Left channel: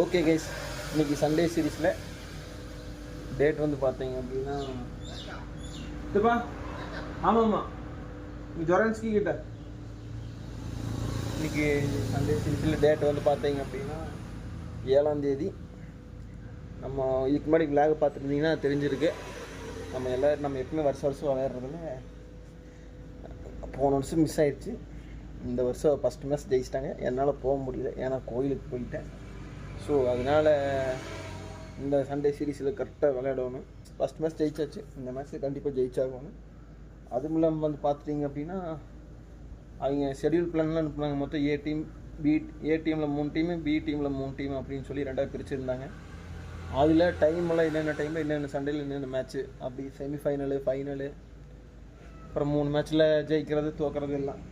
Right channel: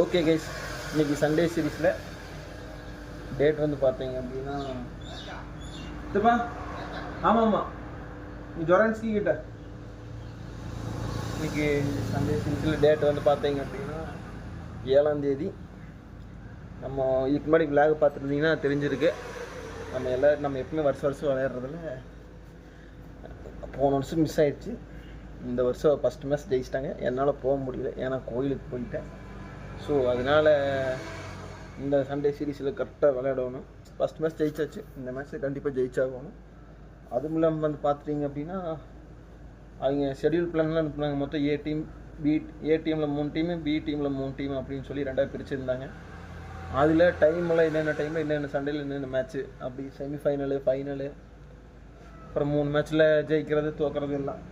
Okay guys, இன்றைக்கி Sunday சீரீஸில் date வந்து பார்த்தீங்க அப்படின்னா இதுப்பா. ஆமாம்மா, ஜொரான்ஸ்கி கிட்ட இன்றைக்கி சண்டே சீரீஸில் டேட் வந்து பார்த்தீங்க அப்படின்னா 7ஆம் தேதி. நம்ம இதுக்கு முன்னாடி விளாக் பார்த்துருந்தீங்கன்னா தெரிஞ்சிருக்கு. நம்ம எப்பவுமே வருஷம் விளையாடுறதுல போன வருஷம் மிஸ் ஆயிடுச்சு. இந்த வருஷம் ஃபஸ்ட் மேட்ச் ஜெயிச்சிட்டாங்க. என்னால் போக முடியல, ஏன்னா கோயிலுக்கு போயிட்டேன். ஸோ அதனால் இந்த சண்டே சீரீஸில் கரெக்டாக விளையாடணும். ஃபஸ்ட் மேட்ச் ஜெயிச்சாச்சு, இந்த மேட்ச்சை கண்டிப்பாக ஜெயிச்சாகணும். அதுவும் இல்லாமல் வந்து பார்த்துட்டிங்க அப்படின்னா அவங்க ஷெடியூல் பிளான்லாம் அனுப்புனாங்க. மொத்தம் ஏ டீமில் 3 டீமு, பி டீமில் 3 டீம் அப்படின்னு சொல்லி 2ஆக பிரிச்சுருந்தாங்க. அதில் டைமெல்லாம் என்னென்ன சண்டேயில் என்னென்ன மேட்ச்சு, அப்படி செமிஃபைனலு, ஃபைனலு, அப்புறம் 3 மேட்ச்சில் ஜெயிக்கிறது தோக்கிறது எல்லாம்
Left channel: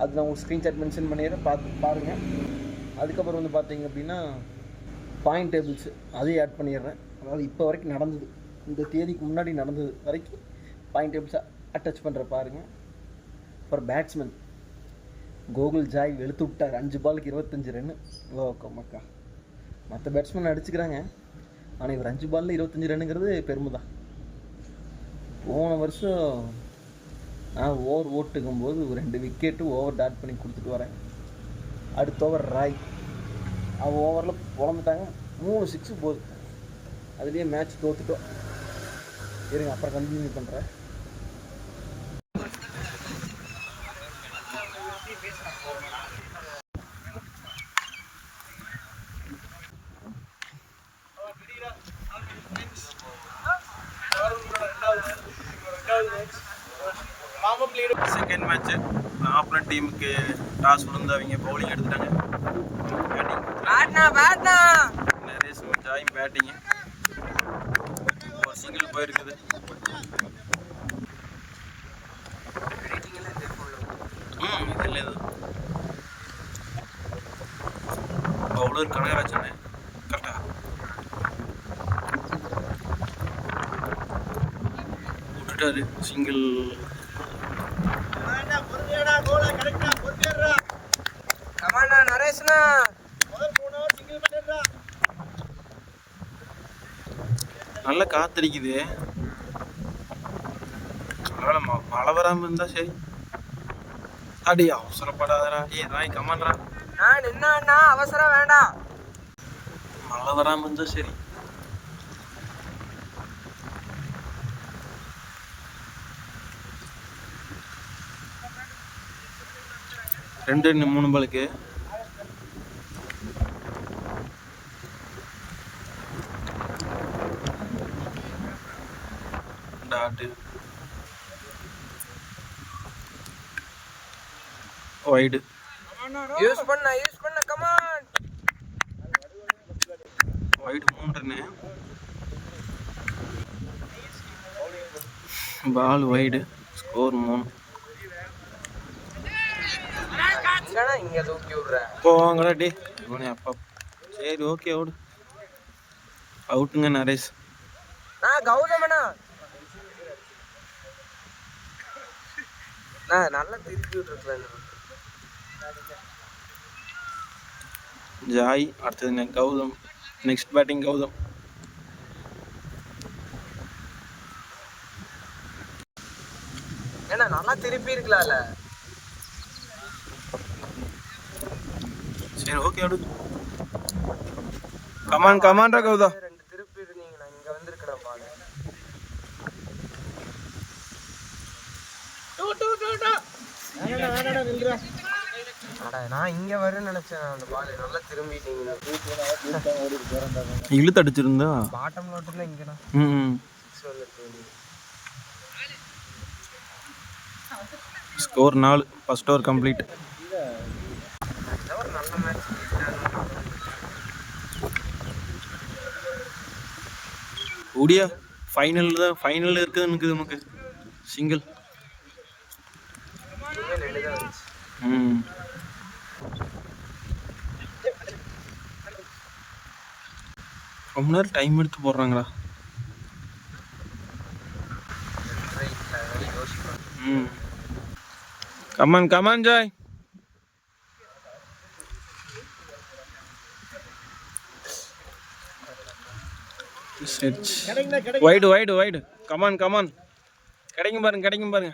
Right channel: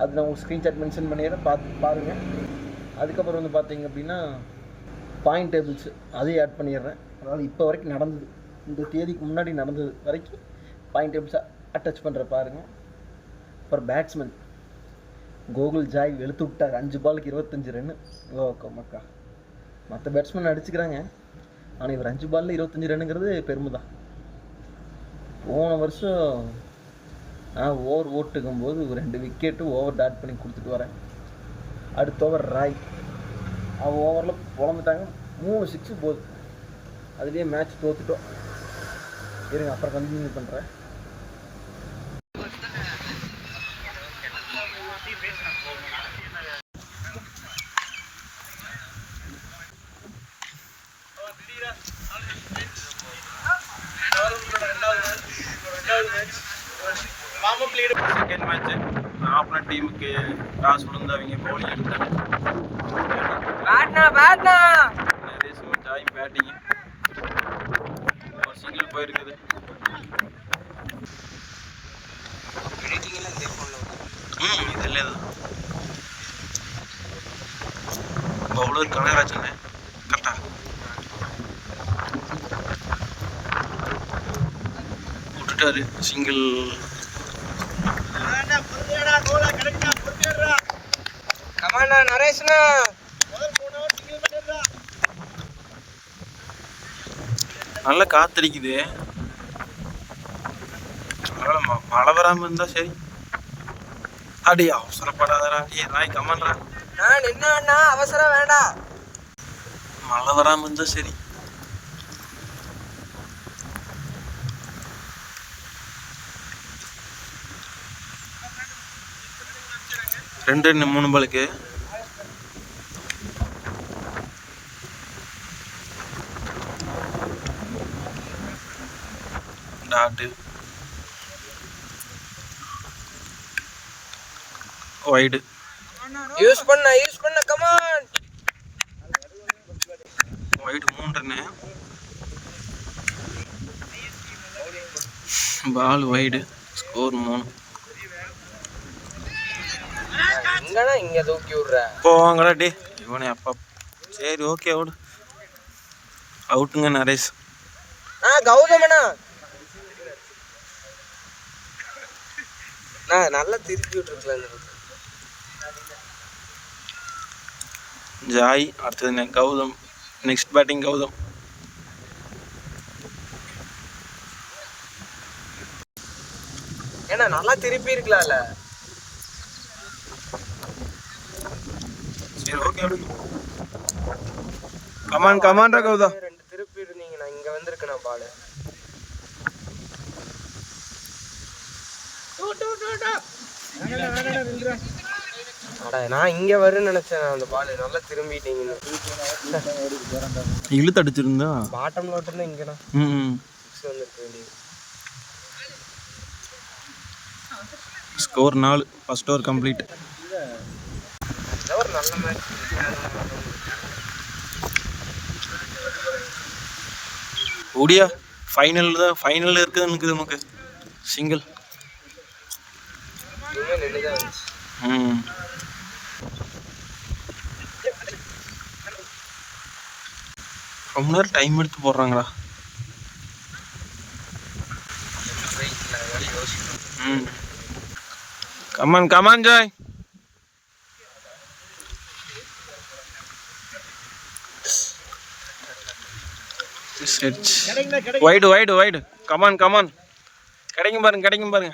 அது நான் உங்களுக்கு ஸ்க்ரீன்ஷாட் மென்ஷன் பண்ணிடுறேன், பார்த்து பாருங்கள். அதுக்கப்புறம் வந்து பார்த்தீங்க அப்படின்னா பாயிண்ட் டேபிள்ஸ் அதையும் ஆட் பண்ணிடுறேன். அதாவது இப்போ வரைக்கும் நடந்தது, இந்த தேதிக்கு முன்னாடி நடந்தது வரைக்கும் பாயிண்ட் டேபிள்ஸை அட்டாச் பண்ணுற பாருங்கள். அப்புறம் பேட்ஸ்மேன் கோகுல் ஜாய் வெளுத்து விட்டார். 5 பாலுக்கு 25 ரன்னு. மக்கா மற்ற பேட்ஸ்மேன் அடிச்சுக்கிறாங்க, ஆனால் இவர் 5 பாலில் 25 ரன்னுங்கிறது பெருமை தான். போன வருஷம் நான் ஓவர் ஓட்டுக்கும் போது 2 விக்கெட்டு ஓவர் டாட் பண்ணி கொடுத்துட்டு வரேன். அடுத்த ஓவர் ராய் அவன் ஓவரில் பொழந்துட்டாங்க, 3 6 போகுது. அதுலேயே மேட்ச் தோத்துட்டோம். இருங்க, அப்புறம் கண்டினியூ பண்ணுறேன். செகண்ட் மேட்ச்சு ஆப்போனன்ட் டீமுக்கு டாஸ் விழுந்து அவங்க பவுலிங் எடுத்தாங்க. நரேஷ் ஜாய் பேட்டிங்கு ஒரு சிங்கிள் போயிருக்குது. இதெல்லாம் தான் பவுலர் கனகராஜன் கரெக்டா விட்டுட்டாரு. சிங்கிள் நல்லா காத்தடிக்குது. மழை வராம இருந்தா சரி. அடி அவசரப்படாதடா, ராய் கமான்டா. அவசரம் வேண்டாம், மழை வராம இருந்தா சரி. ரெண்டு 3 பாலுக்கு டாட்டு வைடு யூஸ் பண்ண come on. Wide 3 run. Ball wide, score 3. இங்க தூக்கி விடுற போவாங்கடா டே இவனே அப்பா. சரி ஓகே அவுட். அவுட்டுங்க நரேஷ். கௌதமனா நல்லா திருப்பி விட்டுருக்கலாம். ஜாய் அடுத்தது கௌதம். Next batting Gautham. ஏன்னா நல்லா திருப்பி இருக்கலாம்ல. சரி ஓகே அவுட். கமான்டா கௌதம். 2 திருப்பி இருந்தீங்கன்னா இங்க வந்திருக்கணும் பால். நான் இங்க வருன்னு நினைச்சேன். அந்த பால் நல்லா திரும்பிட்டீங்க. இழுத்து அடிச்சிருந்தா பாட்டம்ல விட்டுருந்தா இங்கடா வந்திருக்க வேண்டியது. ஸ்கோர் 4. First over complete. ஒரு நல்ல மேட்ச். ஓடியா ஃபைனல் இருக்குதுன்னு நமக்கு சிங்கிள். ரொம்ப நேரம் டைம் எடுத்து போடுறாங்களா. Come on Joy. Set wide wide wide come on come on கிடைக்கும் பாருங்க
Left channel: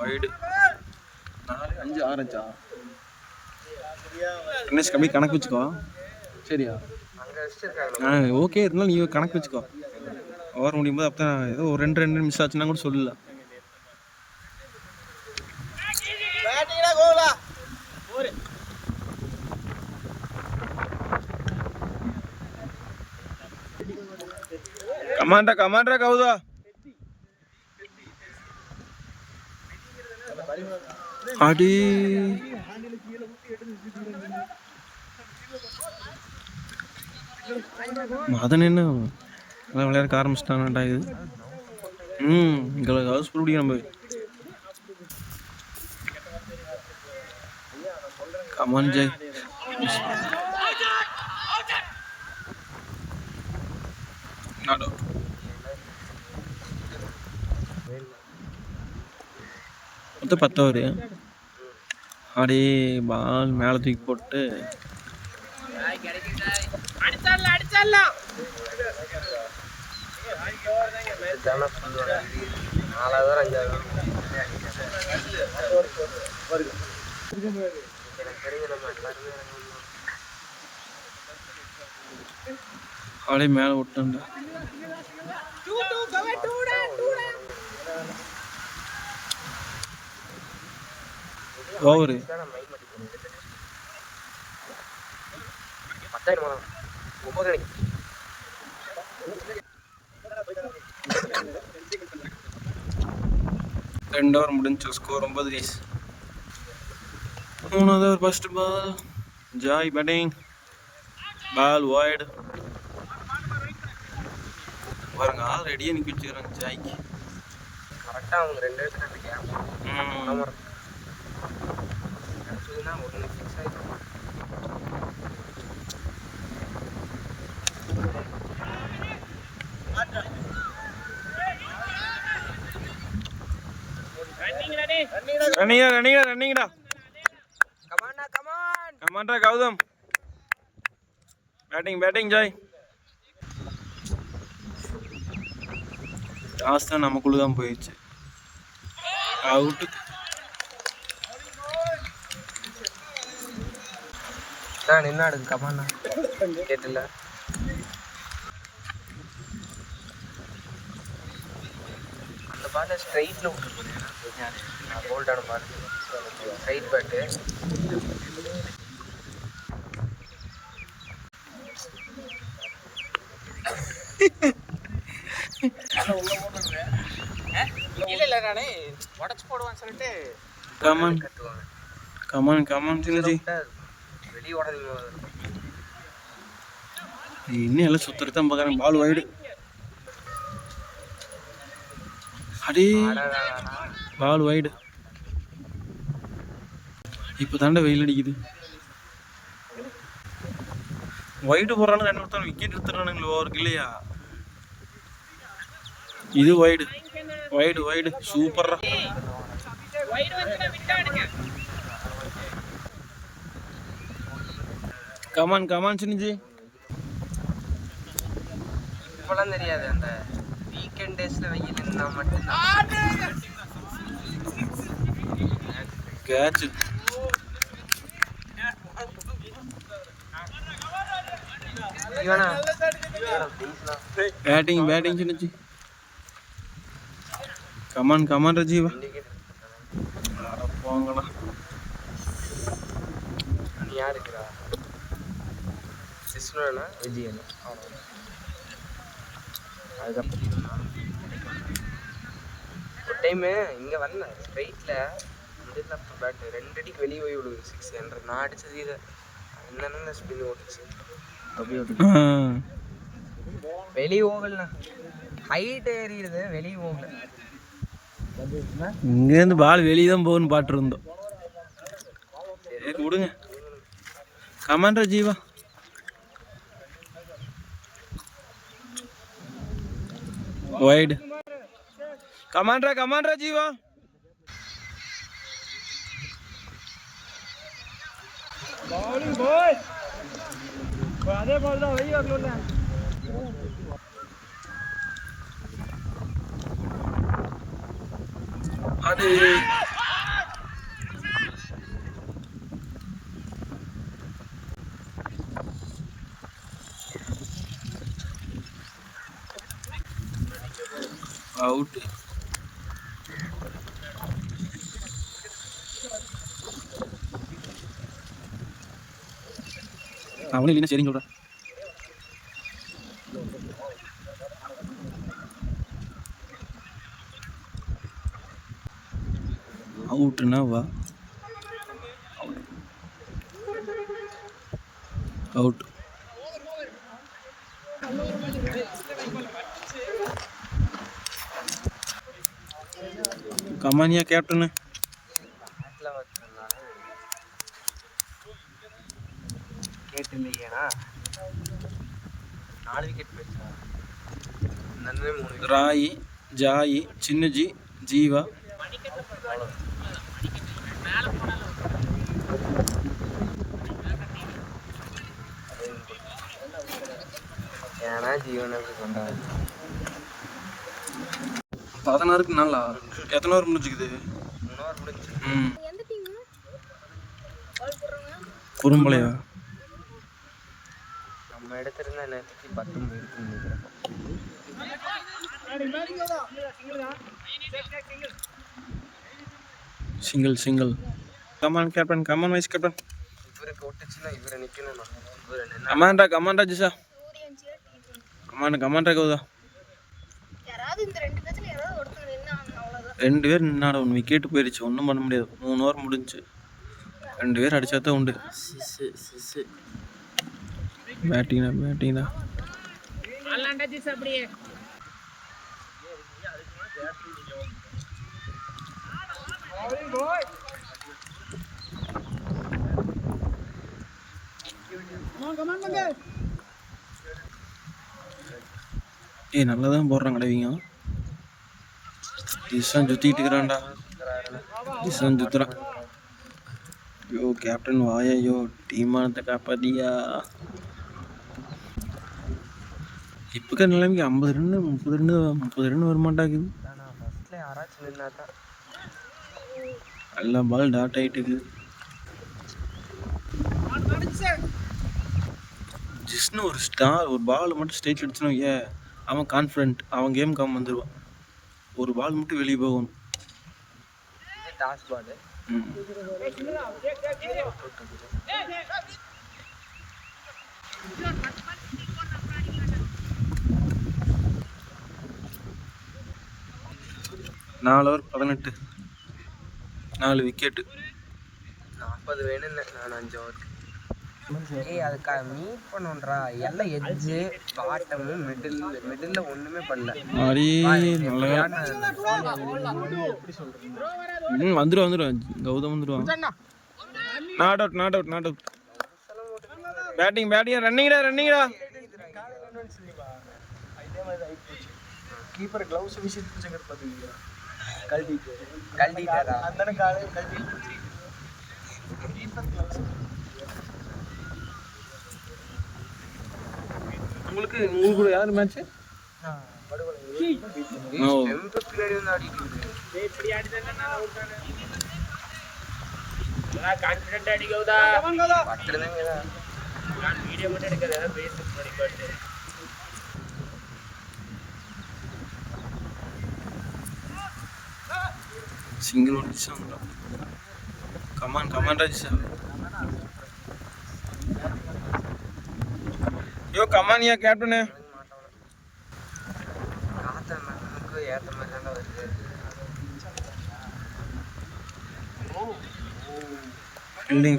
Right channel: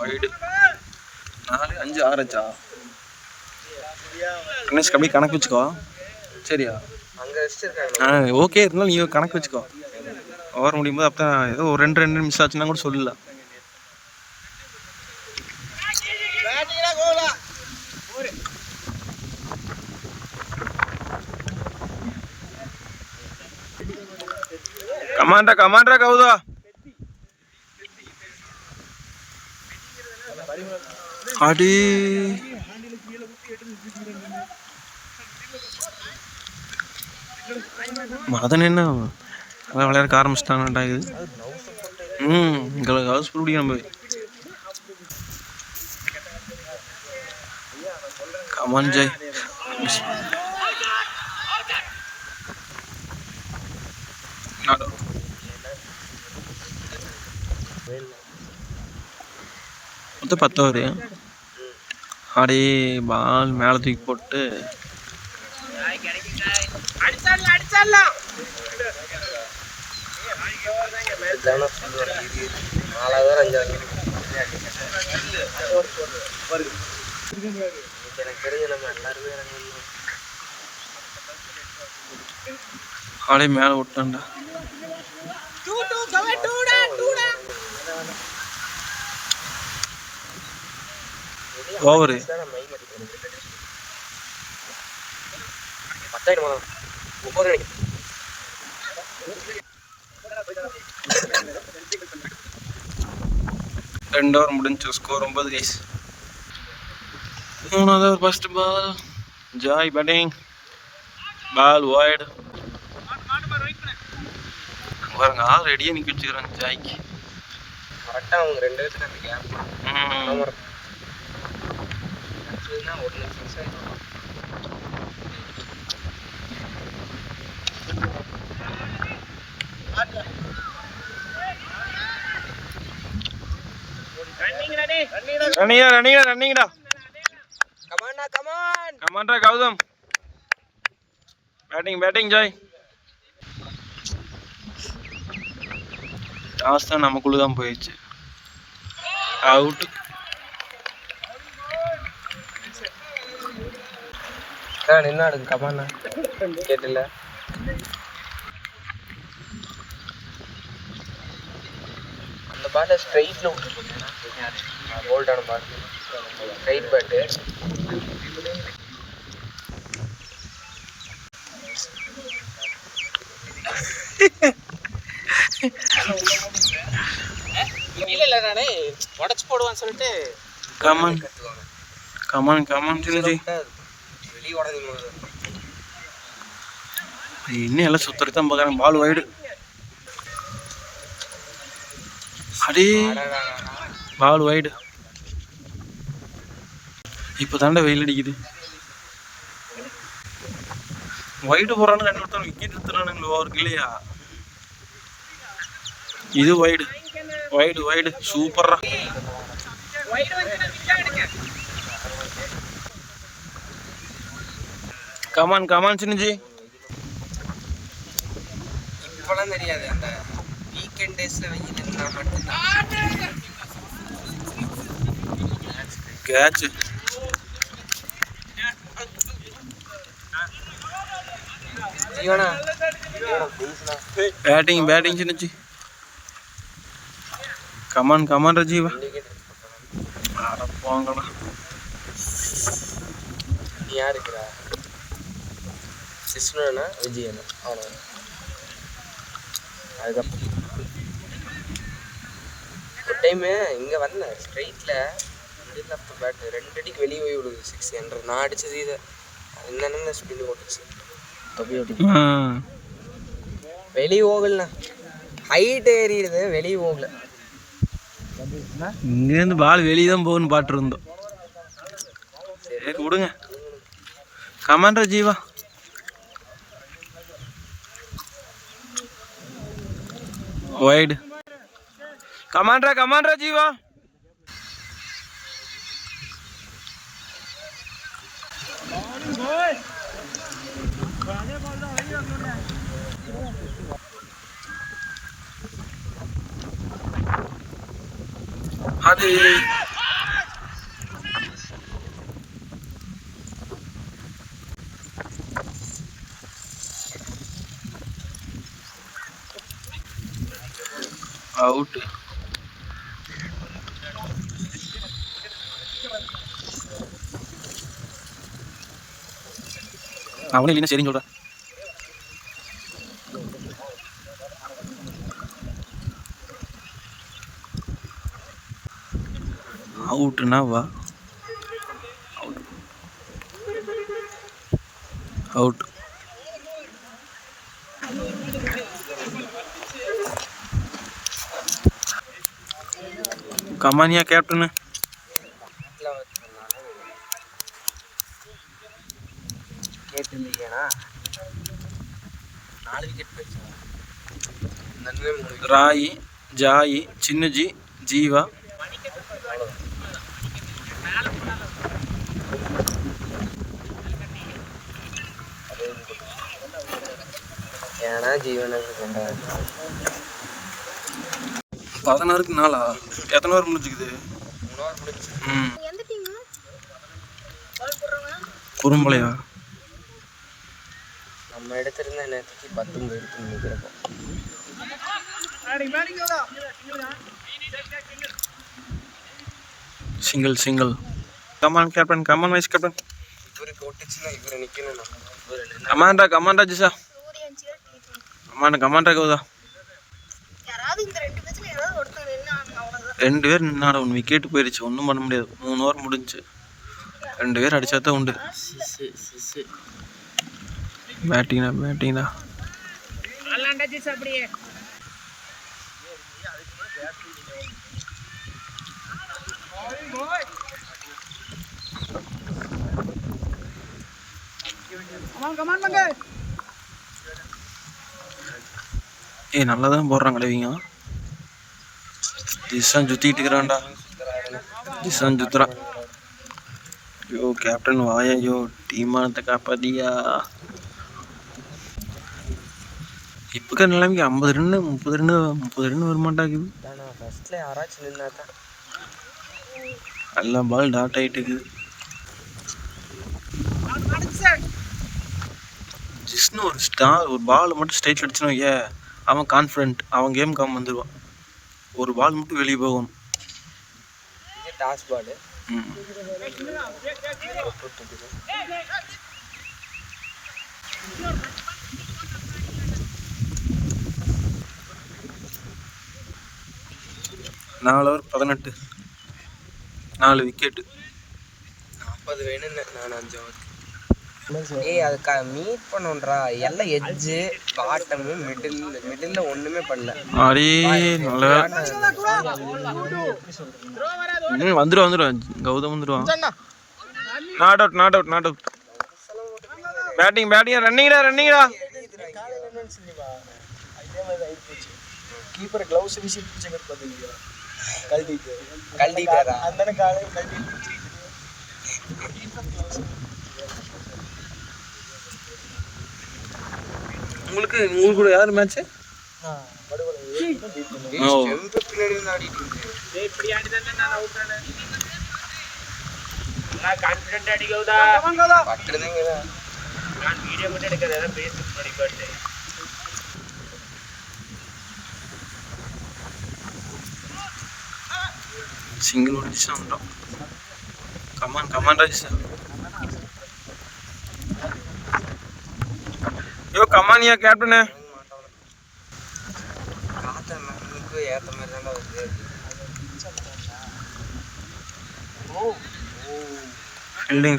வைடு 4 5 6 ஆச்சா கணேஷ் கம்மி கணக்கு வச்சுக்கோ சரியா ஓகே இருந்தாலும் நீ கணக்கு வச்சுக்கோ ஓவர் முடியும் போது அப்போ ஏதோ ஒரு 2 மிஸ் ஆச்சுன்னா கூட சொல்லலாம் கமாண்டா கவுதா அடி மதன் என்ன அதான் விளையாட ஆரம்பிச்சிட்டாங்கடா இது எங்களுக்கு ஹவுஸ் பிடிக்கும் நம்ம கமான் ஜெய் மொத்தம் 10 ஓவர் அப்படியே பால் மேலே தூக்கி போட்டு அப்படியே மேலே விட்டான்டா ஓவரு ரெண்டு ஓவர் முடிஞ்சு ஸ்கோர் 9 கைஸ் 3வது over first ball Joy batting ball wide பாருங்க ஆள் ரெடியாக நிற்க வச்சுக்கிறாங்க ஜாய்க்கு கரெக்டாக அவங்க 2 இடத்துல இருக்கேன் ரன்னிங்கடா கமாண்டா கௌதம் பேட்டிங் ஜாய் லாஸ்ட் தான் நமக்குள்ள தான் போயிடுச்சு அவுட் என்ன ஆடுது கபானா கேட்டல அந்த பால ஸ்ட்ரைட்ல ஹோல்டான பால் ஸ்ட்ரைட் பேட்டு இல்ல நானே உடைச்சு போடுவான்னு சொல்லிட்டு கமான் சின்னஜி வெளியே ஓடாதீங்க இன்னும் எல்லாம் சுத்தத்தான் பார்க்குறாங்க பால் வைடு அடே பால் வைடு இப்போ தாண்டா வெயில் அடிக்குது வைடு போடுறானு 2 ஒருத்தன் விக்கெட் எடுத்துறானுங்களோ அவருக்கு இல்லையா இது வைடு சூப்பரா கமான் சின்னஜி இப்பெல்லாம் தெரியாது அந்த வீக்கெண்ட் டேஸ்ல வெயில் இருந்தா மட்டும்தான் கேட்ச் பேட்டிங் சின்னஜி கமான் ரஜீவா அட போங்கடா யார் இருக்கிறா சிஸ்னோனா விஜயனா அவ்வளோ அதுதான் ஒரு டைமு இங்கே வந்தேன் ஸ்ட்ரைட்டில் மிடில் ஆஃப் த பேட் 2 அடிக்கு வெளியே போய் விடுது 6 என்ற நான் அடித்தது இதை என்னென்ன ஸ்பின் ஓட்டுச்சு வெளியே போகலண்ணா ஹைட் ஏறிடுது வெளியே போகல இங்கேருந்து பால் வெளியே தான் போகணும்னு பாட்டுருந்தோம் சரி விடுங்க கமாண்டா ஜீவா வைடு கமாண்டா ஜீவா அது அவுட். அவனே இல்லைன்னா சரின்னு சொல்கிறேன். அவுட்டுனா வா. Out out. கமானியா கேப்டனு. ராயி, ஜாயி, சின்னஜி, ஜீவா, ஏன்னா ஜீவனுக்கு கொண்டாடு 16க்கு 4. எத்தனை ஓவர் முடிஞ்சுக்குது? ம் குறும்பலையா? நம்ம எடுத்திருந்த நேரத்துக்கு 19 எடுத்து முடிக்கிறோம். Single. Come on captain, come on vice captain. இவரை போட்டுச்சுன்னா இவரை நிற்கணும். கமாண்டா ஜிசா. கமாண்டா கவுதா. 2 பேர் நின்னாட 1 விக்கெட்டு போயிடுச்சு. ஒன்றும் பண்ண முடியாது. 3 ஓவர் முடிஞ்சு 2 பேர் அடிச்சா தான் உண்டு. பேட்டிங்டா. நல்லா தான் போடுறாங்களே இவங்க. ஜிசான் சுற்றிக்கிட்டு இருக்கிறான்டா. ஜிசான் சுற்றுறான். ஐயோ கேப்டன் வாயா. ஐயோ டீமானத்தை காப்பாத்தியா. இப்போ நிலைமைக்கு 50 ரன்னு 30 ரன்னு வரமாட்டாக்குது. ஃபர்ஸ்ட்ல யாராச்சும் நின்னா தான் எல்லாம் பால் டாட் ஆகிட்டு இருக்குது. ஜிஸ்னு ஒரு பால் மட்டும் ஸ்ட்ரைட் அடிச்சுனோ அவன் கான்ஃபிடென்ட். அவன் கேம் காம் வந்துடுவான். ஒரு பால் மட்டும் வெளியே போகணும். Toss ball. நாலு ஓவர் 18. 4 விக்கெட்டு. 40 வேணும்னு நான் 5 ஓவருக்கு. அதுக்கு மீட் பண்ணுன்றா. எல்லாம் எட்ஜு பாட்டமு மிடில் ஒண்ணுமே பண்ணல. அடி நல்ல வந்துடுவான். கௌதம் வந்துடுவான். Not out. பேட்டிங் ரன்னிங்டா. கீப்பர் க்ளவுஸ் வீசி பிடிச்சங்க பாத்தீங்க. கல்டிட்டாரா அந்தன காலே கல்டி. Keeper gloves. உங்களுக்கு கூட யார் மேட்ச்? பின்னாடி வந்து ஆடிட்டு இருந்தேன். இப்படி ஆடி தானே நான் அவுட் ஆனேன். நான் கான்ஃபிடென்ட் அடிக்கவுதா. பட்டறதங்க. நான் வீடியோ மட்டும் எடுக்கறதா பேசி பண்ணி போட்டேன். சிங்கிள் ஓடிச்சு வந்துட்டோம். கமான் ராஜேஷ். யோ கமானியா கேப்டனு. ஏத்த மாதிரி தானே வருது.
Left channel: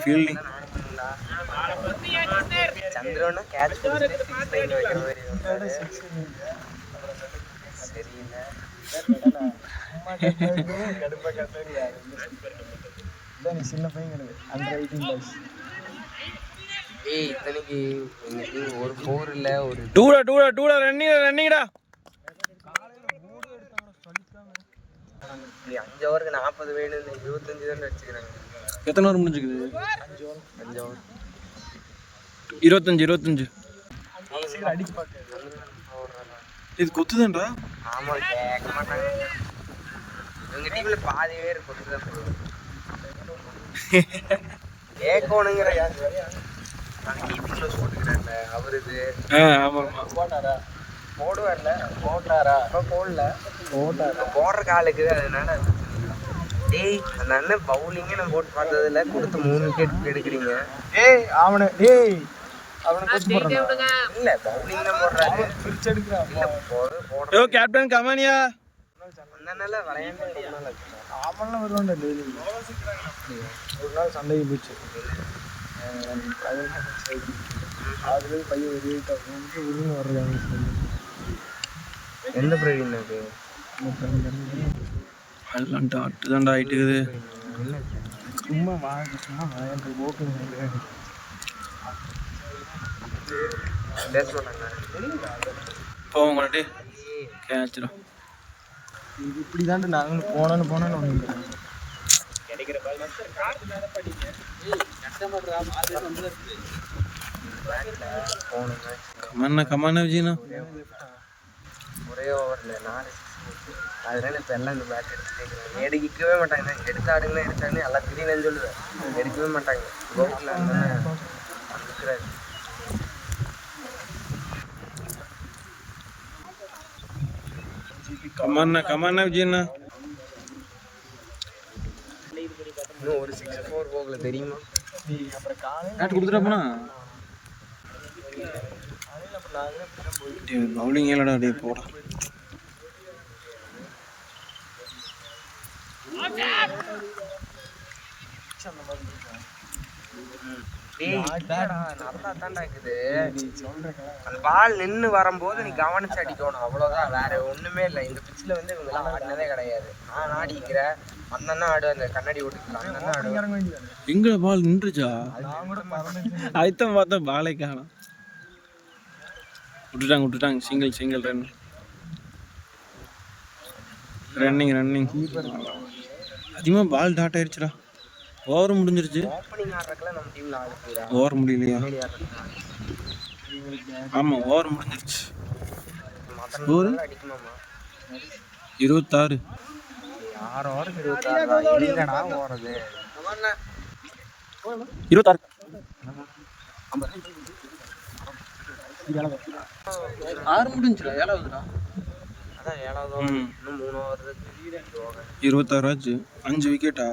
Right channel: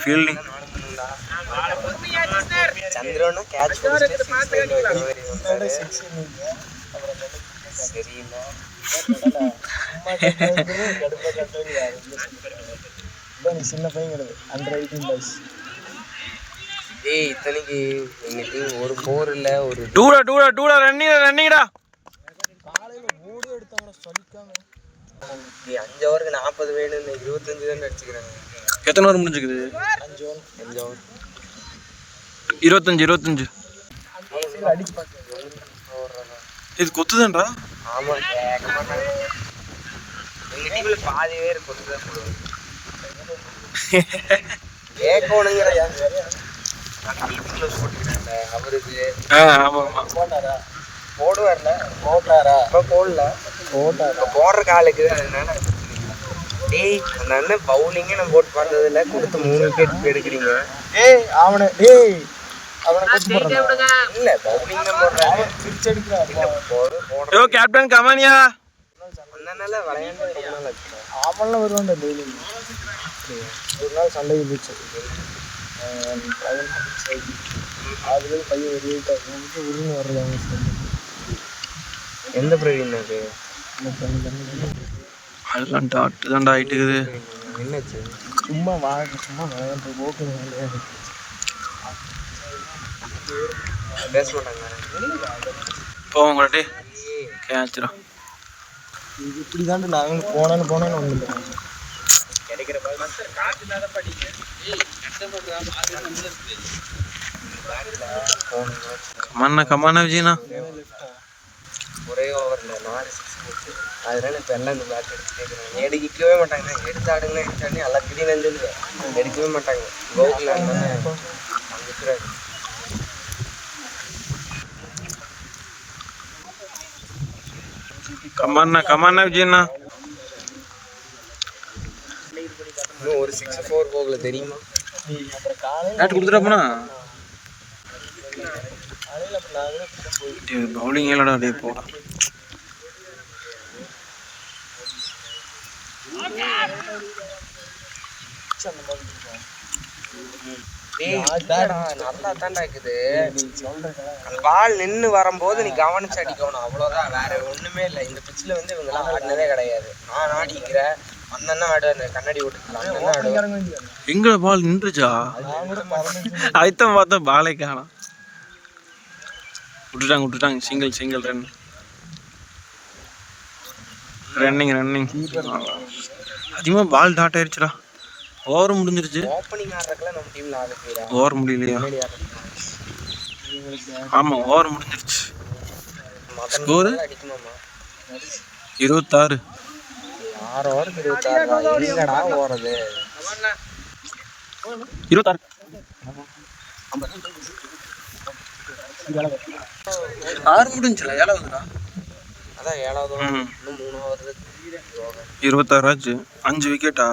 ஃபீல்டிங். சந்திரனும் கேட்ச் சரியில்லை. சின்ன பையன் அண்டர் 18 பாய்ஸ். இத்தனைக்கு இன்னைக்கு ஒரு 4 இல்ல ஒரு டூடா ரன்னிங்டா. நீ 5 ஓவருக்கு 40 வேணும்னு 25 தான் அடிச்சுக்கிறாங்க. எத்தனை ஓவர் முடிஞ்சுக்குது? 5 ஓவர் 25. அடிச்சு பார்க்க இது கொத்துதான்டா. ஆமாம் கேட்க மாட்டாங்க. எங்கள் டீமில் பாதி பேர் கொத்து தான் போடுவாங்க. கேட்கணுங்கிற டிபி க்ளோஸ் போட்டுக்கிறாங்க அவருக்கு. ஆமாம் ஆமாம் போடுவார்ல போட்டாரா இப்போ போடல போட்டார் இப்போ போடுற காலுக்கு அதனால டேய் அந்த அண்ணன் பவுலிங்கே நம்ம போட்டு பார்த்ததில்ல கொடுத்து 3 விக்கெட் எடுக்கிறீங்க. ஏய் அவனை டேய் இல்லை பவுலிங் போடுறாங்க பிடிச்சி எடுக்கிறான். யோ கேப்டன் கமானியா. அண்ணனால விளையாண்டு அவன்லாம் வருவான்டா டெய்லி. ஒரு நாள் சண்டைக்கு போச்சு. அதுலேயும் கையை வெளியிட்டு உரிமை வர்றாங்க. எந்த பிரவீன் அது அதெல்லாம் டாட்டு தான்டா ஆகிட்டுக்குது. என்னாச்சு? சும்மா சும்மா விளையாண்டு ஓப்பன் பேச மாட்டாங்க. போவோம் உங்கள்கிட்ட கேட்சிடும். இது இப்படி தாண்டு நாங்கள் போனேன்னு கிடைக்கிற கமானா விஜயனா ஒரே ஓவரில் 4 6 அதனால இப்போ எல்லாம் இந்த பேட் எடுத்து எடுக்கவே மாட்டாங்க. எடுத்தாடுங்கன்னா எடுத்தாடுன்னு எல்லாம் கிளீனு சொல்லுவேன். எடுக்கவே மாட்டாங்க. கோகுல் அண்ணன் இருக்கிறாரு. கமானா விஜயனா. இன்னும் ஒரு 6-4 போகல தெரியுமா? பேட் கொடுத்துட்டாப்பண்ணா. பவுலிங் இல்லடா டே போடா. நல்லா தாண்டா இருக்குது. பால் நின்று வரும்போது நீ கவனிச்சு அடிக்கணும், அவ்வளோதான். வேற ஒண்ணுமே இல்லை. இந்த பிச்சில் வந்து இவங்கெல்லாம் ஆடினதே கிடையாது. நான் ஆடிக்கிறேன். அந்த ஆடு அந்த கண்ணாடி விட்டுக்கலாம். எங்க பால் நின்றுச்சா? அதுதான் பார்த்தா பாலே காணோம். விட்டுட்டாங்க. Single running. அதிகமாக பால் டாட் ஆயிடுச்சுடா. ஓவர் முடிஞ்சிருச்சு. ஓப்பனிங் ஆடுறதுக்குலாம் நம்ம டீம்ல ஆள் ஓவர் முடியலையா? ஆமாம் ஓவர் முடிஞ்சிருச்சு. ஸ்கோரு 26. 6 ஓவருக்கு 26 எங்கடா ஓடுறது? 26 6 முடிஞ்சுல 7வதுடா. அதான் 7வது ஓவர். இன்னும் 3 ஓவர் இருக்கு. 26 ஆச்சு. 5 விக்கெட்டா?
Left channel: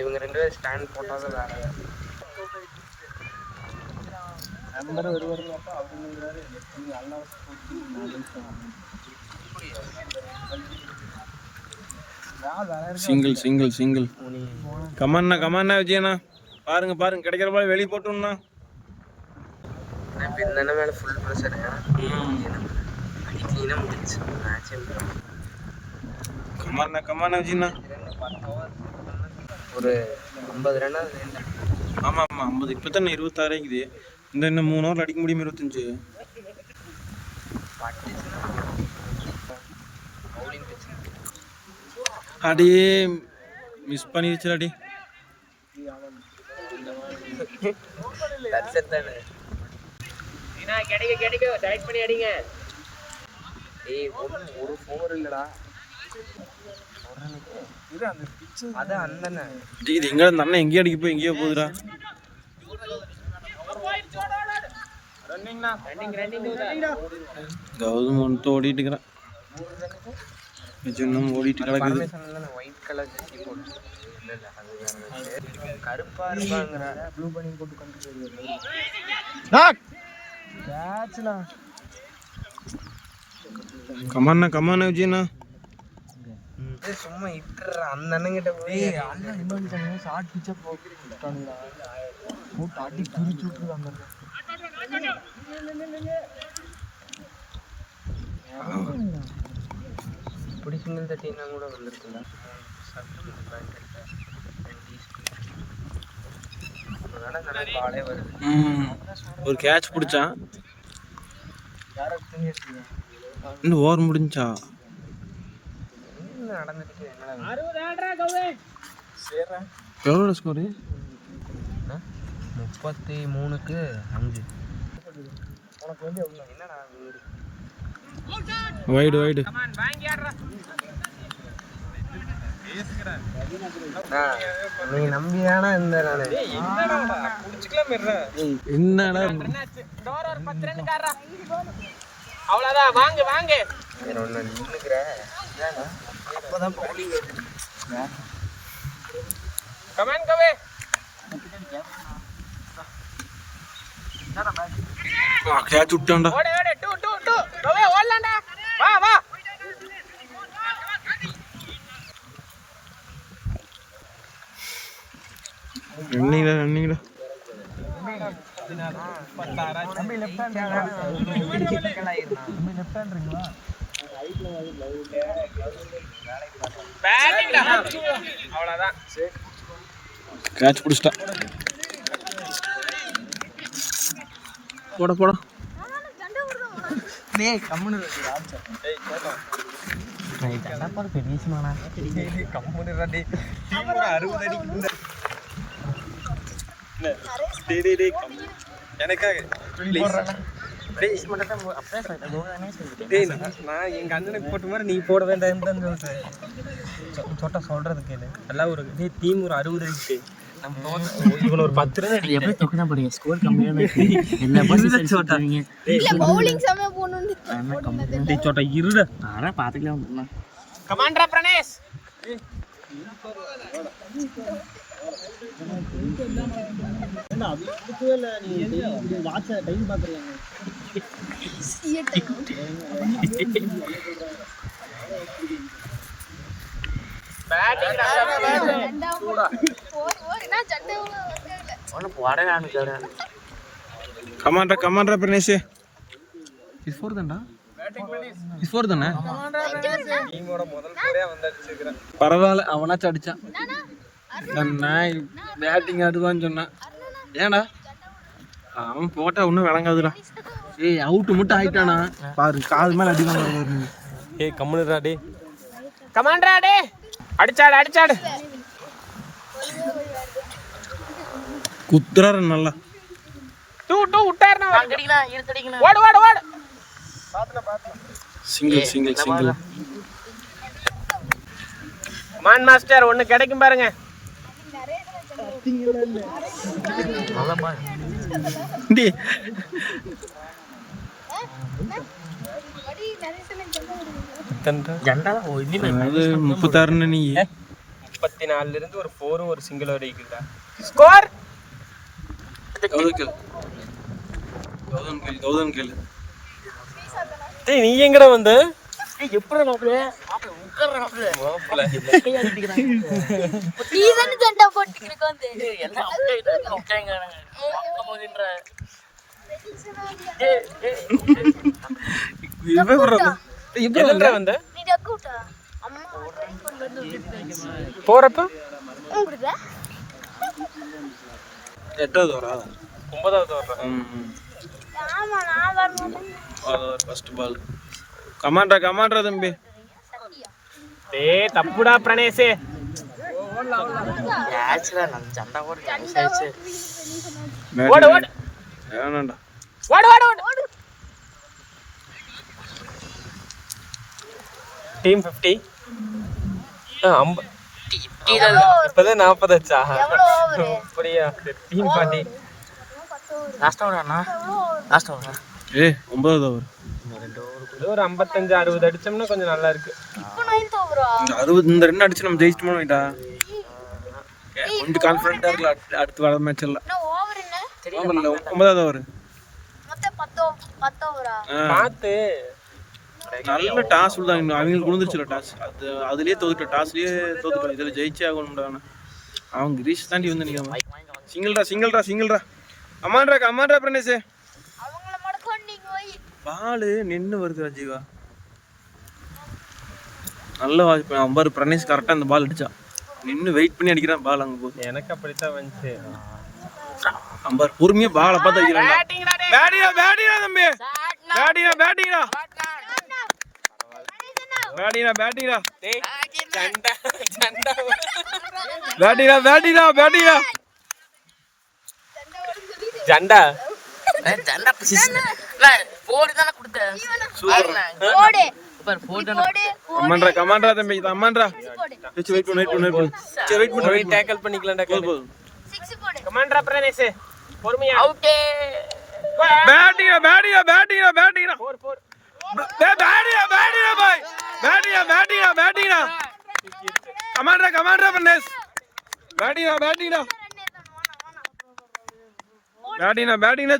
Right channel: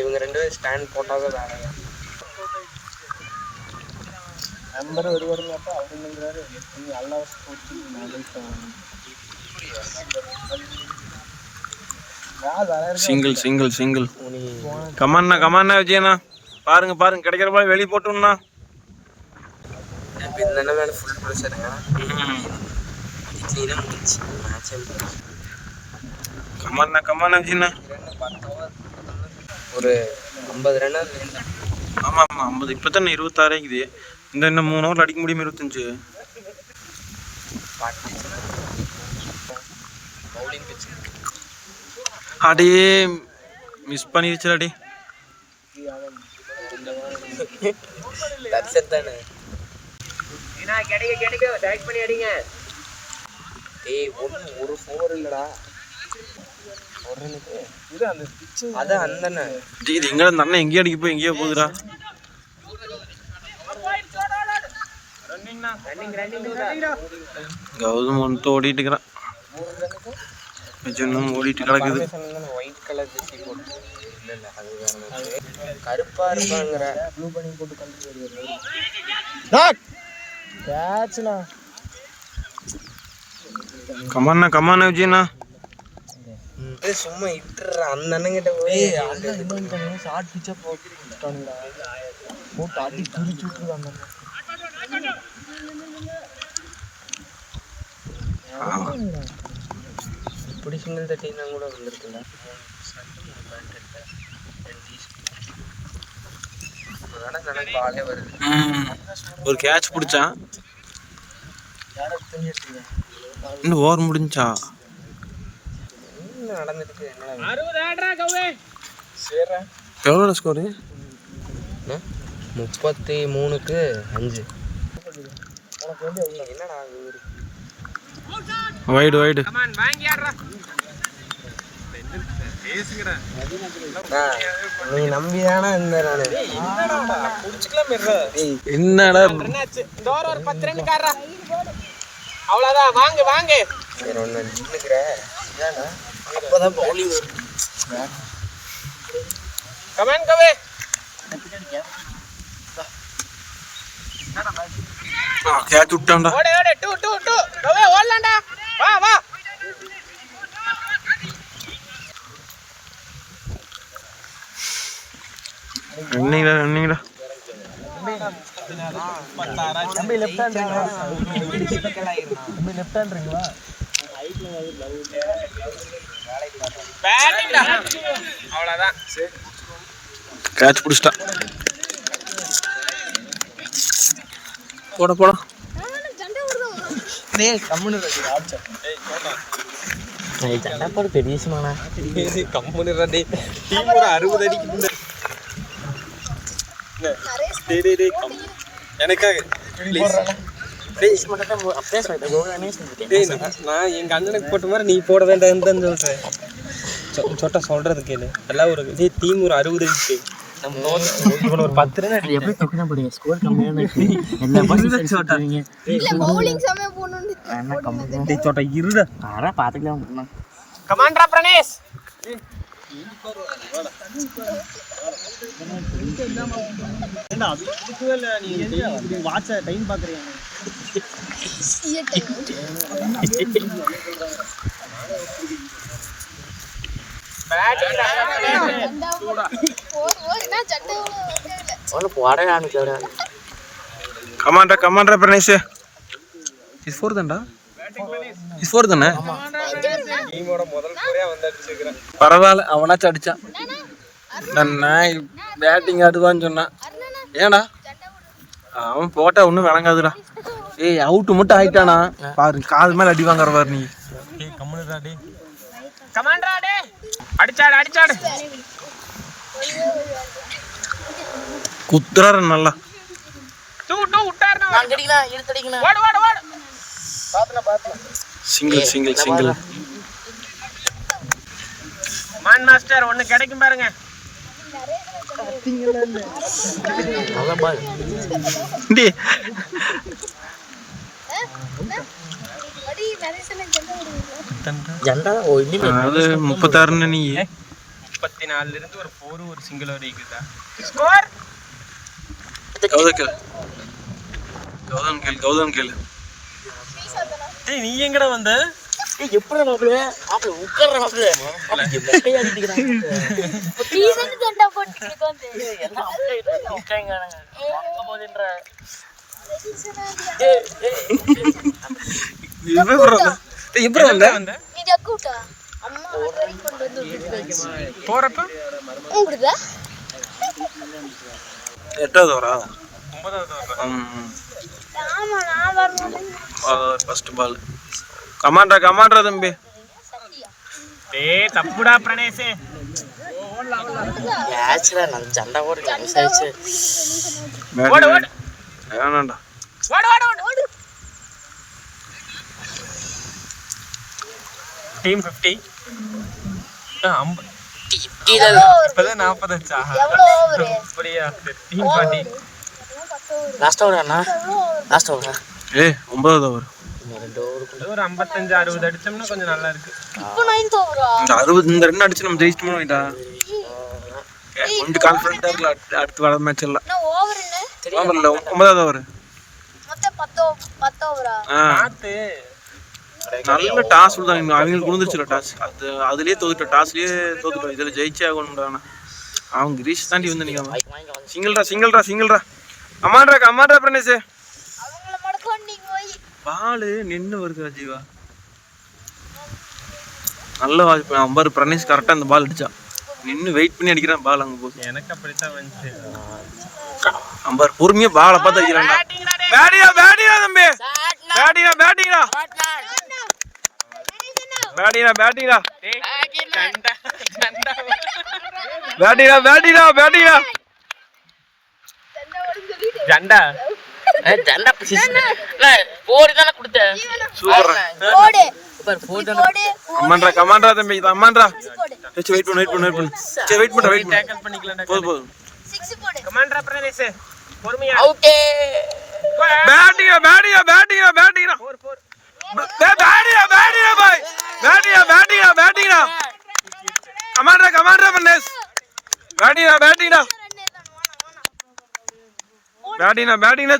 இவங்க 2 பேரும் ஸ்டாண்ட் போட்டாவே வேலை. நம்பர் வருவாருங்க அப்படிங்கிறாரு. நல்லா சிங்கிள். கமானா விஜயனா. பாருங்க கிடைக்கிற பால் வெளியே போட்டோம்னா இப்போ இந்த மேலே ஃபுல் ப்ரெஷர் கிளீனாக முடிச்சு மேட்ச். கமானா விஜயனா. ஒரு 50 ரன். ஆமாம் 50. இப்போ தானே 26 ஆகிக்குது. இன்னும் 3 ஓவர் அடிக்க முடியுமா? 25. அடே மிஸ் பண்ணிருச்சுடாடி. ஒரு ஃபோர் இல்லடா. அதான் அந்த இது எங்க அந்த அண்ணன் எங்கேயோ அடிக்க போய் எங்கேயோ போகுதுடா. கௌதம் ஒன்று ஓடிட்டு இருக்கிறான். இன்னும் ஓடிட்டு கிடக்குது. ஒயிட் கலர் ஜெர்சி போட்டு கருப்பா இருக்குங்கிற ப்ளூ பண்ணி போட்டு கமானா விஜயனா. சும்மா இட்டுற அந்த அண்ணங்கிட்ட போய் ஷார்ட் பிச்சா போட்டு இப்படி சின்ன தட்டினா கூட வந்துருக்குங்க. சட்டம் பேண்ட் பாலே வருது. ஒரு கேட்ச் பிடிச்சான். இன்னும் ஓவர் முடிஞ்சா நடந்துட்டு எவ்வளோ ஸ்கோரு? 33க்கு 5. என்னடா வைடு வைடு நீ நம்பிதானே இந்த என்னடா அவ்வளோதான் வாங்க வாங்க நின்னுக்கிறேன் அப்பதான் பவுலிங் வரும். கமான் கவே கேட்ச் விட்டான்டா. ஓடு ஓடு 2 2 2 கவே ஓடலாம்டா வா வா ரன்னிங்டா தம்பி லெஃப்ட் ஹேண்ட் அவ்வளோதான் கேட்ச் பிடிச்சிட்டா. போட போட பெரிய விஷயமாண்ணா நான் எங்க அண்ணனுக்கு போட்ட மாதிரி நீ போட வேண்டாம் சொல்றேன். சொட்ட சொல்றது கேளு எல்லாம் ஒரு டீம் ஒரு 60 அடிச்சு நம்ம ஒரு 10 ரன் எப்படி தொக்குனா போடுங்க ஸ்கோர் கம்மியா இருக்கு எல்லா பாலும் சொல்றீங்க இல்ல பவுலிங் சமய போணும்னு என்ன கம்மி டேய் சொட்ட இருடா ஆனா பாத்துக்கலாம் கமாண்டரா பிரணேஷ் ஏண்டா அது கொடுக்கவே இல்லை. நீ வாட்ச டைம் பார்க்குறீங்க. கமாண்டா பிரணேஷ். இது 4 தான்டா. இது 4 தானே. பரவாயில்ல அவனாச்சும் அடிச்சான். நான் பேட்டிங் ஆடுவான்னு சொன்னான். ஏன்டா அவன் போட்டா ஒன்றும் விளங்காதுடா. ஏய் அவுட்டு மட்டும் ஆயிட்டானா பாரு காது மேலே அடி வாங்குற பாரு நீ. ஏய் கம்முனுடா டேய் கமாண்டரா டேய் அடிச்சாடு அடிச்சாடு குத்துறாரு நல்லா. டூ விட்டாருனா அடிக்கணும் இழுத்தடிக்கணும் ஓடு ஓடு ஓடு சிங்கிள் மான் மாஸ்டர் ஒன்னு கிடைக்கும் பாருங்க. டேய் அடி நரேசன ஜெண்டா ஓ இன்னி அது 36 நீ 34 இருந்து ஒரு 4 ஒரு சிங்கிள் வரைக்கும்டா. ஸ்கோர் கௌதம் கேளு. டேய் நீ எங்கடா வந்த? ஏய் எப்பற நோக்குல அப்ப உட்கார்ற நோக்குல நீதான் ஜண்டா போட்டுட்டு வந்து எல்லாம் அப்டேட் உட்கார்ங்கறாங்க அங்க போதின்ற இப்போ வந்த நீ டக்கூட்டா அம்மா ட்ரை பண்றது போறப்ப உங்களுக்கு 8வது வரா 9வது வரணும். ஆமா நான் வரணும் ஃபர்ஸ்ட் பால். கமாண்டரா தம்பி. டேய் தப்புடா பிரணேஷ். ஆக்சுவலா நான் ஜண்டா ஒரு மிஸ் ஆயிச்சு ஓடு ஓடு வேணாண்டா. ஓடு ஓடு ஓடு டீம் 50 இப்பதான் 40 ஆச்சா? எவ்வளவு ஓவர் அப்படியா? டீம் 40 லாஸ்ட் ஓவர் அண்ணா லாஸ்ட் ஓவர் ஏய் 9வது ஓவர். ஒரு 55 60 அடிச்சோம்னா கொஞ்சம் நல்லா இருக்கு. இப்போ 9th ஓவரா இந்த 60 இந்த ரன் அடிச்சு நம்ம ஜெயிச்சிட்டோம் வைடா. கொஞ்சம் கான்ஃபிடென்ட்டா இருக்கல அடுத்து வர மேட்ச் எல்லாம். நான் ஓவர் என்ன ஓவர்ல 9வது ஓவர். மொத்தம் 10 ஓவரா பாத்து நல்ல டாஸ் விடுதாங்க. அவங்களுக்கு விழுந்துருச்சுல டாஸ். அதுலயே டாஸ்லயே தோத்துட்டோம். இதுல ஜெயிச்சே ஆகணும்டா. அவங்க கிரீஷ் தாண்டி வந்து நிக்காம சிங்கிள்ரா கமாண்டரா பிரணேஷ். அவங்கள மடக்க நீங்க போய் பால் நின்று வருது ஜீவா. நல்ல வாய்ப்பு. அம்பாரு பிரணேஷ் கரெக்டாக அந்த பால் அடிச்சா நின்று வெயிட் பண்ணி அடிக்கிறான் பால் அங்கே போகுது. எனக்கு அப்படித்தான் வந்துச்சு. அம்பார் பொறுமையாக பாலை பார்த்து அடிக்கிறான்டா. பேட்டிங்கா தம்பி. பேட்டிங்கா ஜண்டா சூப்பர் போடு போடு போடு கமாண்டா தம்பி இது அம்மான்றா போடு சரி வெயிட் பண்ணு சரி வெயிட் பண்ணு டேக்கிள் பண்ணிக்கலாம் போதும் 6 போடு கமாண்டரா பிரதேஷ் பொறுமையா ஓகே பேட்டிங்கா பாய் பேட்டிங்கா கமாண்டா பிரதேஷ் பேட்டிங்கா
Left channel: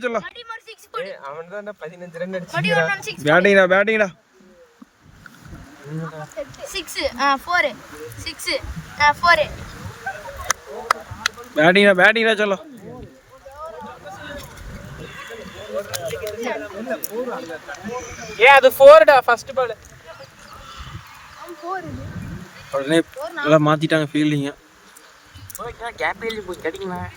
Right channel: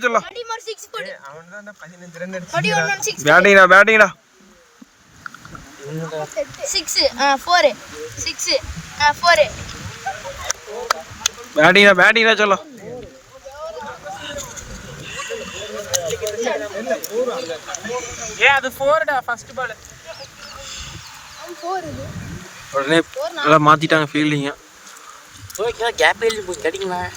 சொல்ல அடி மார் 6 போடு அவன் தான் 15 ரன் அடிச்சு அடி 1 6 பேட்டிங்கா 6 4 6 4 பேட்டிங்கா சொல்ல அது 4 டா ஃபர்ஸ்ட் பால் உடனே எல்லாம் மாத்திட்டாங்க ஃபீல்டிங்க ஓகே கேப் எழுதி போய் கடிக்கலாம்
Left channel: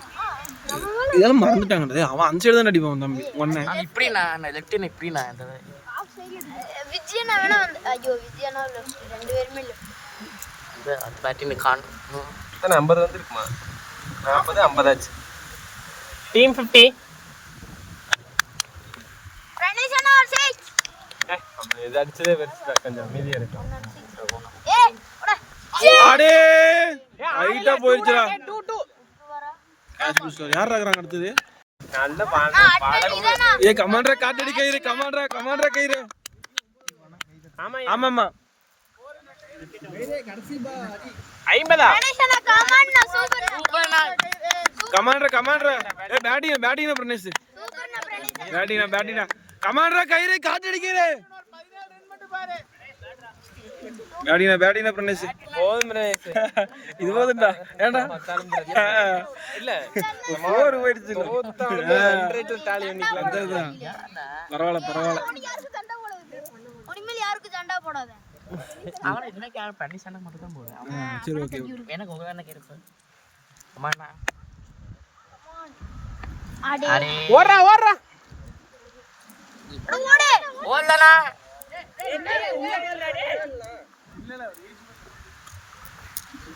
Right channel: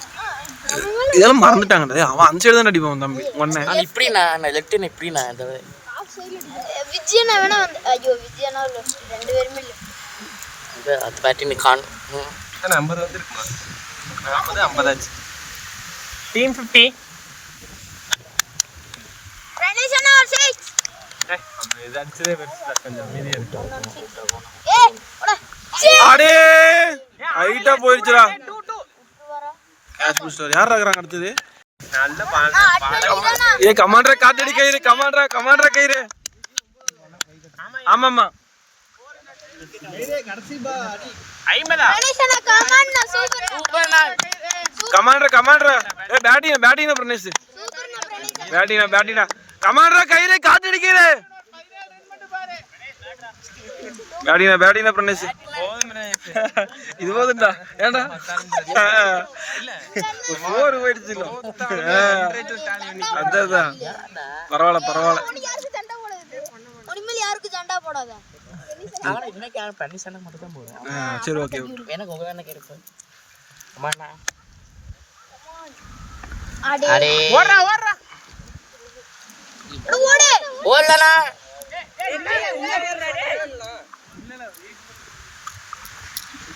இதெல்லாம் மறந்துட்டாங்க அவன் அந்த சைடு தான் அடிப்பான் தம்பி ஒன்னே நான் இப்படி நான் லெஃப்ட் இப்படி நான் இந்த விஜயனா வேணா ஐயோ விஜயனா ரெண்டு பேருமே இல்ல அந்த பேட்டிங் கான் 50 வந்திருக்குமா 40 50 ஆச்சு டீம் 50 பிரணேஷனா 6 அவன் இது அடிச்சதே பெருசுடா கொஞ்சம் அமைதியா இருக்கும் ஏய் ஓட அடே ஹைட்டா போயிடுச்சுடா கேட்ச் புடிச்சார் யார் இருக்கறாங்க அடுத்து நல்ல பால் ஏ கமாண்டரா காத்தடி கயிறு கமாண்டரா கயிறு ஆமாமா 50 பிரணேஷனா கமாண்டா சூப்பர்னா கமாண்டரா ஏ பேட்டிங்கா பிரனேஷ் பேட்டிங்கா கமாண்டரா கயிறு காத்தடி கயிறு பேட்டிங்கா பிரனேஷ் போதும் பிரதேஷ் இது போதுண்டா ஏண்டா இல்ல ஒரு 4 போயிடுச்சு அதான் பரவாயில்ல யாருக்கு சண்டை போடாத எனக்கு பண்ணி சண்டை மட்டும் தான் போடுவோம் சரி ஓகே எனக்கு உங்க வேணா கேட்கும் அம்மாண்ணா அடே அடே ஓடுறா ஓடு ஓடலண்ணா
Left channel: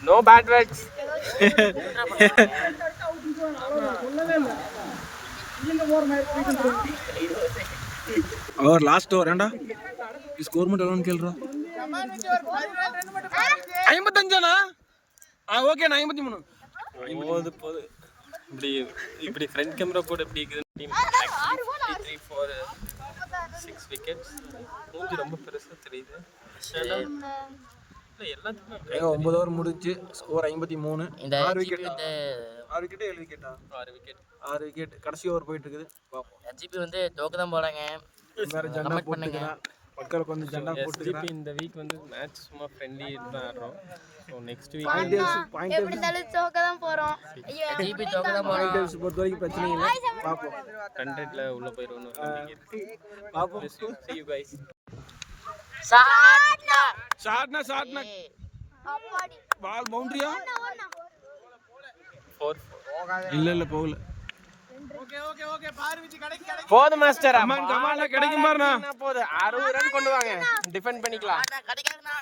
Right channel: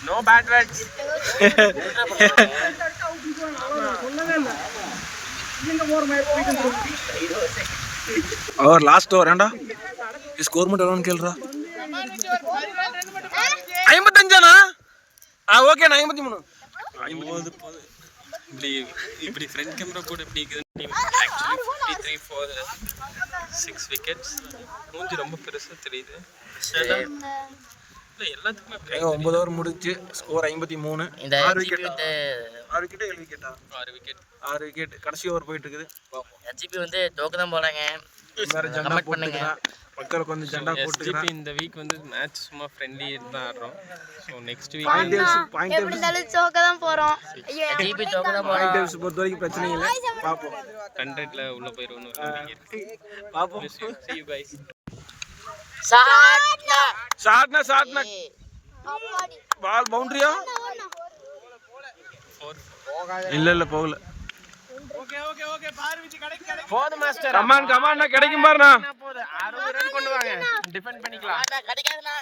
நோ பேட் வேர்ட்ஸ் அவர் லாஸ்ட் ஓவர் ஏண்டா ஸ்கோர் மட்டும் எவ்வளோன்னு கேளுடா 55 ஓகே நான் 53 இப்படி ஃப்ரண்ட் கேமரா போட்டு இப்படி டீம் ஆக்சுவலி 53 for 6 விக்கெட்ஸ் மூஞ்சி ரொம்ப பெருசா தெரியுது இல்ல எல்லாத்துக்குமே 9 ஓவர் முடிஞ்சு ஸ்கோர் 53 இந்த 6 விக்கெட் இந்த 6 விக்கெட் 7 விக்கெட்டா 6 விக்கெட் கடைசி ஓவர் போயிட்டு இருக்குது ஜிபி வந்து தோக்க தான் போறாங்க வேற ஜண்டா போட்டுக்கிறான் மக்களுக்கு வந்து ஜண்டா போட்டுக்கிறான் இந்த வீக் வந்து மேட்ச் சும்மா ஃப்ரெண்ட்லி தான் ஆடுறோம் ஸோ நெக்ஸ்ட் வீக் பாயிண்ட் எப்படி இருந்தாலும் சோக்க தான் போறோம் ஐயோ ஜிபி தோக்க தான் பாயிண்ட் டேபிள்ஸ் பொறுத்த வரைக்கும் பிரச்சனை இல்லை பாப்போம் 100ல உள்ள போயிடுவோம் பாப்போம் see you guys ஷாட்னா பால் பவுண்டரியா இல்ல போகல போது மாஸ்டர் கமான் கிடைக்கும் பாருண்ணா போது 60 ரன் கொண்டு வாங்க டிஃபெண்ட் பண்ணிக்கலாம் கிடைக்காதுண்ணா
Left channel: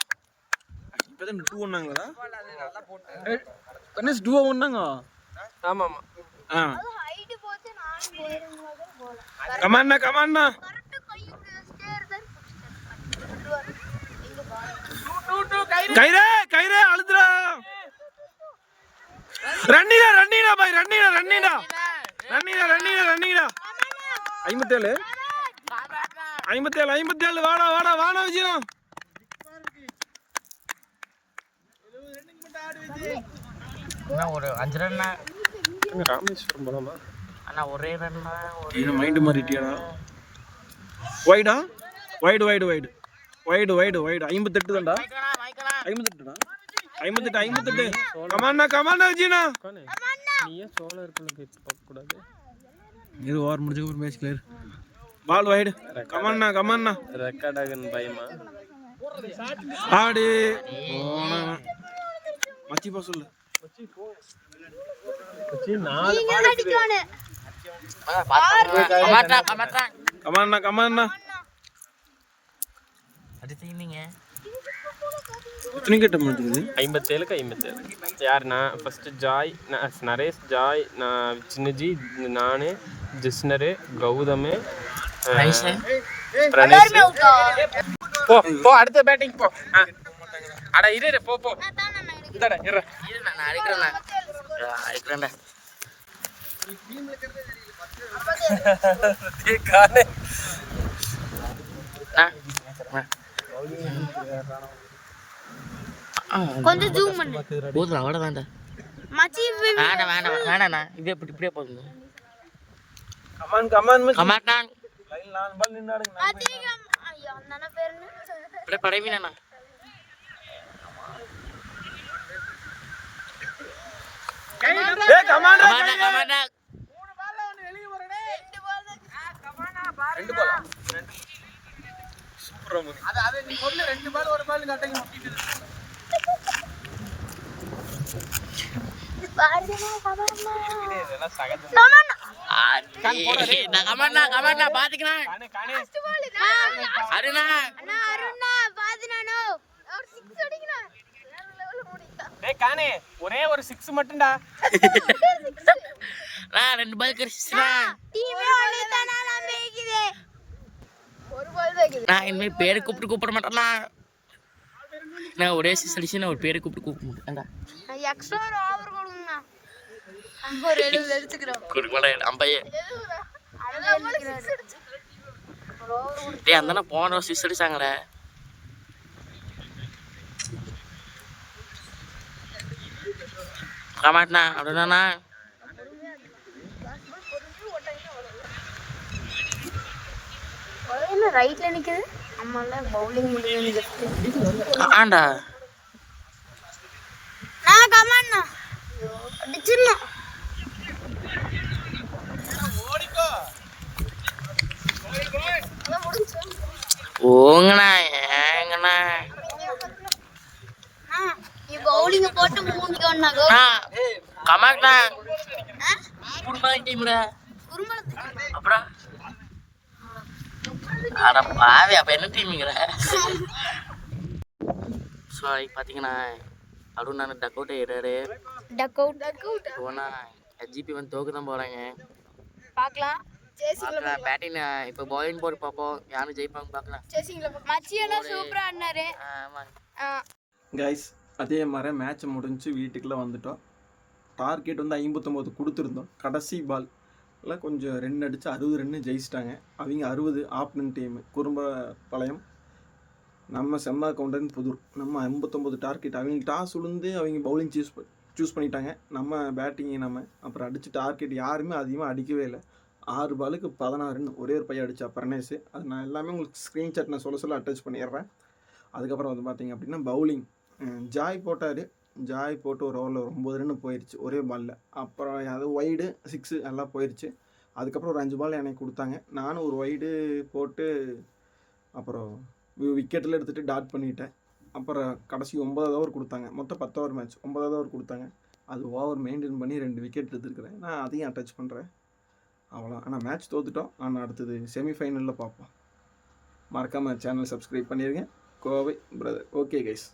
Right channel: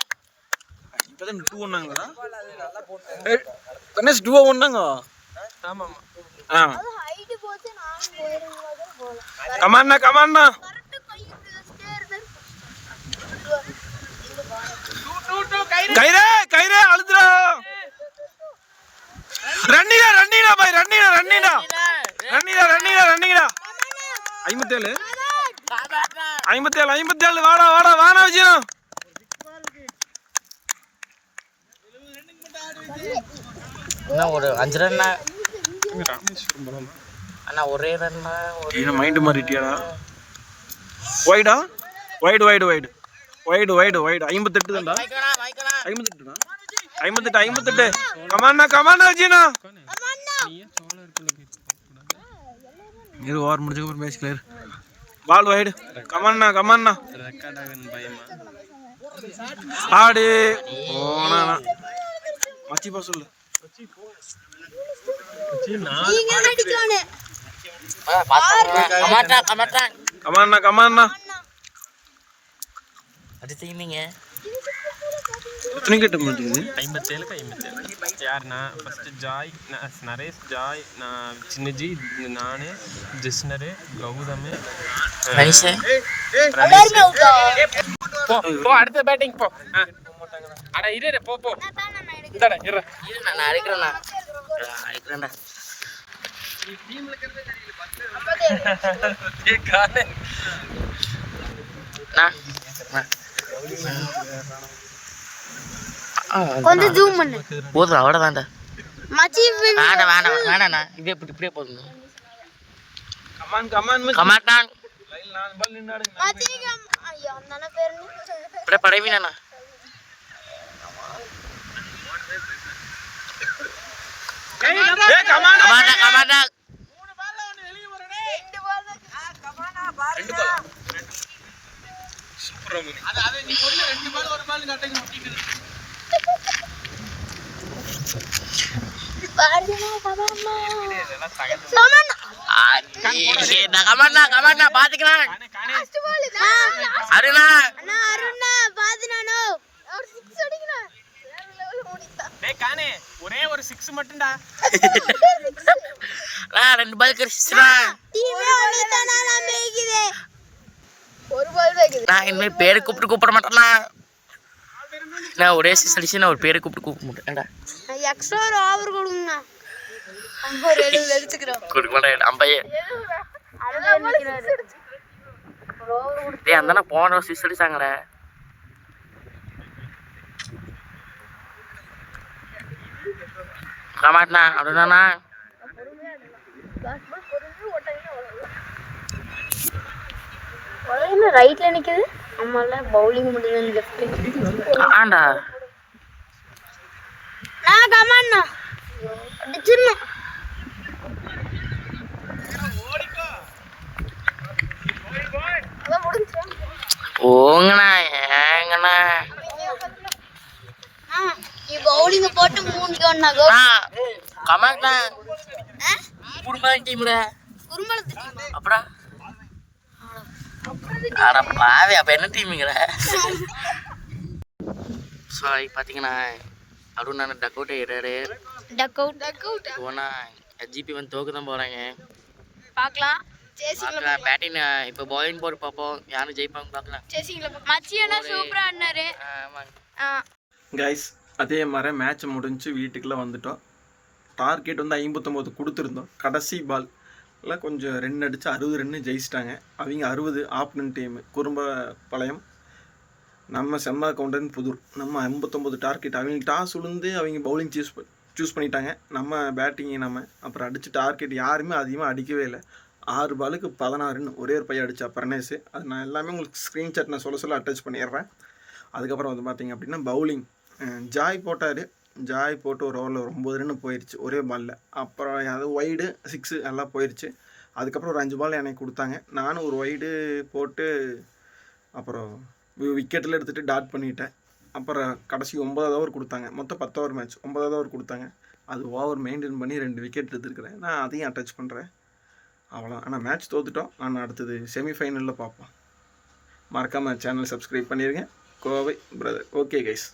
இப்பதான் 2 ஒன்னாங்களா கணேஷ் 2 ஒன்னாங்க ஆமா ஹைட் போச்சு நான் போறேன் கமான்னா கயிறே அழுதுடா ரன்னிடா பாய் ரன்னிடா 57 வாடா விஜயம் இன்னும் ஒரு 5 ரன்னா அண்ணா ஒரே ரன்னா என்ன மைண்ட் மாறிட்டியாடா வைடு 58 தான்டா 58 கமான்னா விஜயனா இது ஓவர் முடிஞ்ச அப்புறம் மேட்ச் கிளியர் பால் வைடு கமான்னா ரெக்கார்ட் ஆகுன்னு பயமா ஆடு போனா மச்சி பா சொல்லு நீங்க அடிக்கணும் கமாட்டா கமான்னா அடுத்து நீங்க எத்தனை கட்ட மாட்டேங்குது? 57க்கு 57. யாருண்ணா ஃபஸ்ட்டு ஜாய், நரேஷ், ஜாய், நான் சின்னஜி, நான், ஜிஸ்னரு, கௌதம், பிரணேஷ். போ அடுத்த பேட்டிங் போ. அட இரு போ போ. இந்தாடா இரு. நான் அடிக்கிறேன்டா. கொஞ்சம் ஜூம் பண்ணு. போதும் அவ்வளோதான்டா. மச்சி வேண்டாண்ணா. இது இப்படியே போதும். கமாட்டா மச்சி ஐயோ நல்ல பேரு. இப்படியே படைவீனா. கமாட்டா. கமாட்டா பாத்துக்கலாம். அருணா ஒரே ஒரு 6 மட்டும்டா. 2 பால் கிடைச்சிச்சுடா. நான் இனிமேல் பேரை கூப்பிட மாட்டேன்னா. நான் ஒரே சிக்ஸ் அடிச்சு நான் ஒரு பேரை கூப்பிட மாட்டேன்டா. எக்ஸ்ட்ரா ஒரு ஓவர் கொடுங்கண்ணா. கொடுக்க மாட்டேன். அம்பையே டேய் அந்த போன சிக்ஸ் அடிச்சாங்கடா. கமாட்டா அப்படின்னா ரைட்ல நிக்குது. நம்மள பவுலிங் முடியல லெஃப்ட். ஆண்டா நான் கமாண்ணா அடிச்சிரல. போங்கண்ணா ஏங்கண்ணா. பவுலிங் போட்டு மூஞ்சிக்கோண்ணா. கமாட்டா குடும்ப டீம்ல குருமலத்து அப்புறம் அட பாவி அப்ப என்ன டீமுங்கிற. ஸோ பார்த்தீங்கன்னா அப்படின்னு நான் டக் அவுட் ஏறாரு. டக் அவுட் போனால் ஜிபி வந்து தோக்கு தான் போகிறாங்க. பார்க்கலாம். பேட்டிங் இப்போ பாலிங் போட்டு பார்ப்போம் யாரும் ஜெயிப்பாங்க பார்க்கலாம். மச்சியனா சூப்பரா ஆடினாரு. கைஸ் அதே மாதிரி மேட்ச் முடிஞ்சு வீட்டுக்குள்ளே வந்துட்டோம். டார்கெட் வந்து 59 கொடுத்துருந்தோம். கடைசி பால்ல கொஞ்சம் ரன் அடித்து 60 ரன்னு ஜெயிச்சிட்டாங்க. அவங்க 60 ஆப்னன் டீமு குறும்பபாளையம். நம்ம செம்ம கவுண்டன் புதூர். நம்ம 59 டார்கெட். அவங்க டாஸ் விழுந்து அவங்க பவுலிங் சூஸ் பண்ணிட்டாங்க. நம்ம பேட்டிங்கை அப்புறம் அடித்து டார்கெட் யாருமே அதிகமாக அடிக்கவே இல்லை. 6 பாலுக்கு 16 ரன் ஒரே ஒரு பையன் அடித்தா பிரணேஷ். அது நான் எல்லாமே உங்களுக்கு ஸ்க்ரீன்ஷாட் நான் சொல்ல அட்டாச் பண்ணிடுறேன். அதுக்கப்புறம் வந்து பார்த்திங்க அப்படின்னா பவுலிங் ஜாய் போட்டார். ஜாய் போட்டு ஒரு ஓவரில் 9 ரன்னு போயிடுச்சு ஒரே பாலில். அப்புறம் அது ஒய்டு 6 எல்லாம் போயிடுச்சு. அதுக்கப்புறம் ஒரு 5 பால் எனக்கு கொடுத்தாங்க. நானும் ஒரு ஒய்டு போட்டு அப்புறம் விக்கெட்டில் எடுத்துகிட்டு டாட் பண்ணிட்டேன். அப்புறம் கடைசி 9வது ஓவர் கொடுத்தாங்க. மொத்தம் 10 ஓவர் மேட்ச் 9வது ஓவர் கொடுத்தாங்க. அது ஓவர் மெயின்டைன் பண்ணி 2 விக்கெட் எடுத்துருக்கிறேன். நான் அதையும் அட்டாச் பண்ணுறேன். அவ்வளோ. ஆனால் மேட்ச் தோத்துட்டோம். நான் அடுத்தது செமிஃபைனலில் பார்ப்போம். மறக்காமல் சேனல் சப்ஸ்கிரைப் பண்ணிடுங்க. கோவை பிரதர். Okay guys.